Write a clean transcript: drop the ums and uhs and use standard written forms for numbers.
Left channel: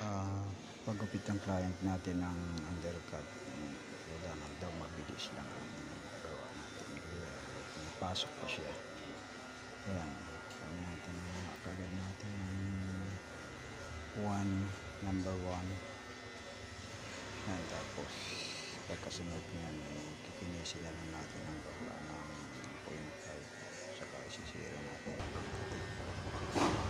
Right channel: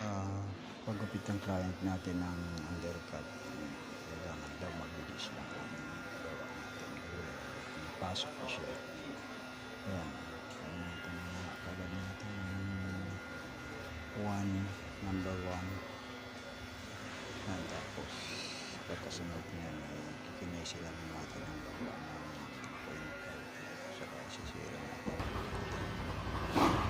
ah, paggupit ng client natin ng undercut, kailangan daw mabilis lang ang gawa natin kasi pasok pa siya. Ayan, huwag natin na kagad natin ng number 1. Yan, tapos pagkasunod niyan ay kikinisin na lang natin ang baba ng 0.5 saka isisira natin ang